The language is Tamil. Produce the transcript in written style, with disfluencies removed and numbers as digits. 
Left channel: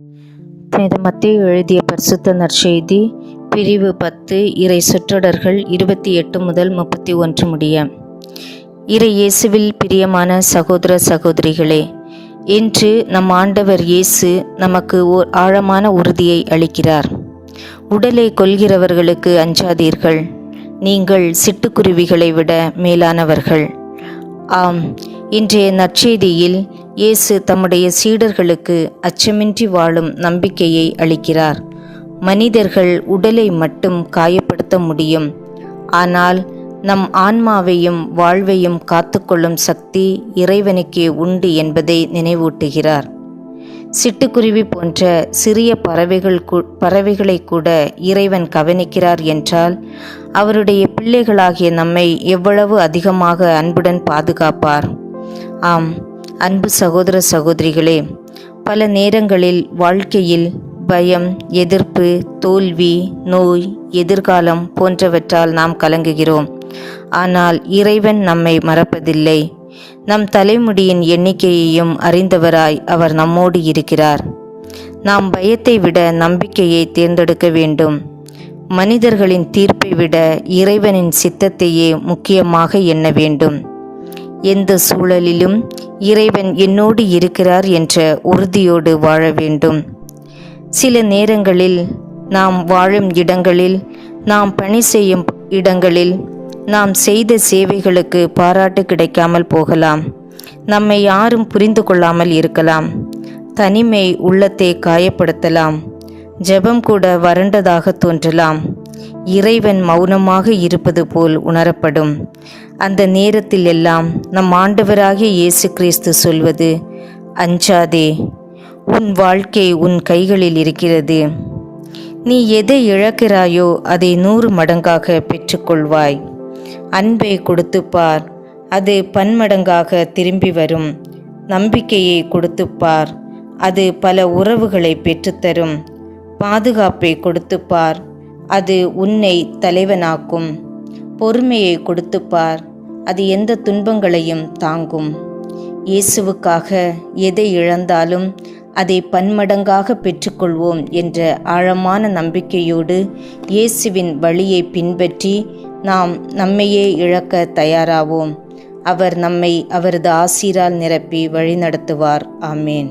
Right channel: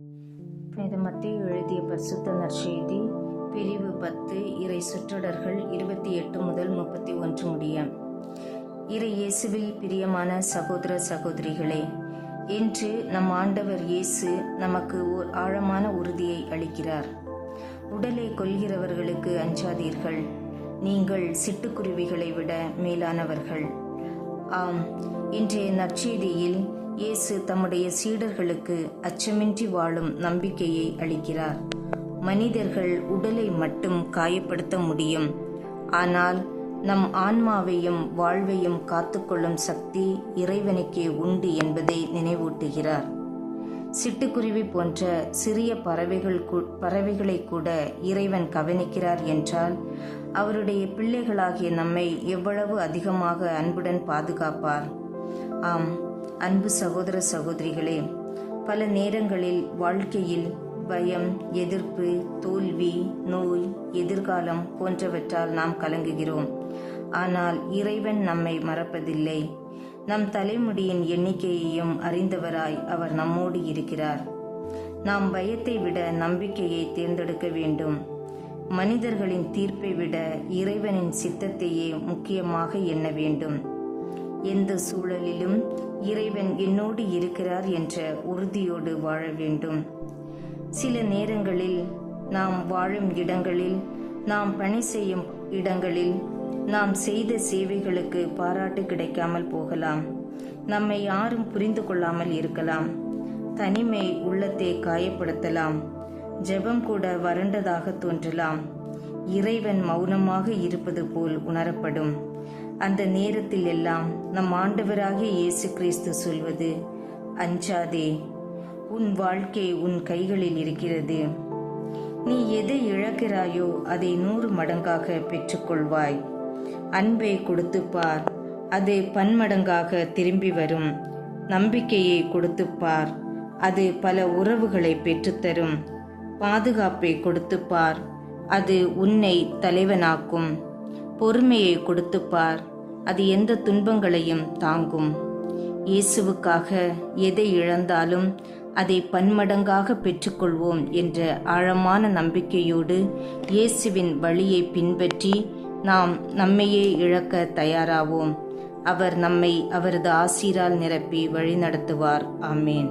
புனித மத்தேயு எழுதிய பரிசுத்த நற்செய்தி பிரிவு 10 இறை சொற்றொடர்கள் 28 முதல் 31 முடிய. இறை இயேசுவில் பிரியமான சகோதர சகோதரிகளே, இன்று நம் ஆண்டவர் இயேசு நமக்கு ஓர் ஆழமான உறுதியை அளிக்கிறார். உடலை கொல்கிறவர்களுக்கு அஞ்சாதீர்கள், நீங்கள் சிட்டுக்குருவிகளை விட மேலானவர்கள். ஆம், இன்றைய நற்செய்தியில் இயேசு தம்முடைய சீடர்களுக்கு அச்சமின்றி வாழும் நம்பிக்கையை அளிக்கிறார். மனிதர்கள் உடலை மட்டும் காயப்படுத்த முடியும், ஆனால் நம் ஆன்மாவையும் வாழ்வையும் காத்துக்கொள்ளும் சக்தி இறைவனுக்கே உண்டு என்பதை நினைவூட்டுகிறார். சிட்டுக்குருவி போன்ற சிறிய பறவைகளை கூட இறைவன் கவனிக்கிறார் என்றால், அவருடைய பிள்ளைகளாகிய நம்மை எவ்வளவு அதிகமாக அன்புடன் பாதுகாப்பார். ஆம், அன்பு சகோதர சகோதரிகளே, பல நேரங்களில் வாழ்க்கையில் பயம், எதிர்ப்பு, தோல்வி, நோய், எதிர்காலம் போன்றவற்றால் நாம் கலங்குகிறோம். ஆனால் இறைவன் நம்மை மறப்பதில்லை. நம் தலைமுடியின் எண்ணிக்கையையும் அறிந்தவராய் அவர் நம்மோடு இருக்கிறார். நாம் பயத்தை விட நம்பிக்கையை தேர்ந்தெடுக்க வேண்டும். மனிதர்களின் தீர்ப்பை விட இறைவனின் சித்தத்தையே முக்கியமாக எண்ண வேண்டும். எந்த சூழலிலும் இறைவன் என்னோடு இருக்கிறார் என்ற உறுதியோடு வாழ வேண்டும். சில நேரங்களில் நாம் வாழும் இடங்களில், நாம் பணி செய்யும் இடங்களில், நாம் செய்த சேவைகளுக்கு பாராட்டு கிடைக்காமல் போகலாம். நம்மை யாரும் புரிந்து கொள்ளாமல் இருக்கலாம். தனிமை உள்ளத்தை காயப்படுத்தலாம். ஜெபம் கூட வறண்டதாக தோன்றலாம். இறைவன் மௌனமாக இருப்பது போல் உணரப்படும். அந்த நேரத்தில் எல்லாம் நம் ஆண்டவராகிய இயேசு கிறிஸ்து சொல்வது, அஞ்சாதே, உன் வாழ்க்கை உன் கைகளில் இருக்கிறது. நீ எதை இழக்கிறாயோ அதை 100 மடங்காக பெற்றுக்கொள்வாய். அன்பை கொடுத்துப்பார், அது பன்மடங்காக திரும்பி வரும். நம்பிக்கையை கொடுத்துப்பார், அது பல உறவுகளை பெற்றுத்தரும். பாதுகாப்பை கொடுத்துப்பார், அது உன்னை தலைவனாக்கும். பொறுமையை கொடுத்துப்பார், அது எந்த துன்பங்களையும் தாங்கும். இயேசுவுக்காக எதை இழந்தாலும் அதை பன்மடங்காக பெற்றுக்கொள்வோம் என்ற ஆழமான நம்பிக்கையோடு இயேசுவின் வழியை பின்பற்றி நாம் நம்மையே இழக்க தயாராவோம். அவர் நம்மை அவரது ஆசீரால் நிரப்பி வழிநடத்துவார். ஆமேன்.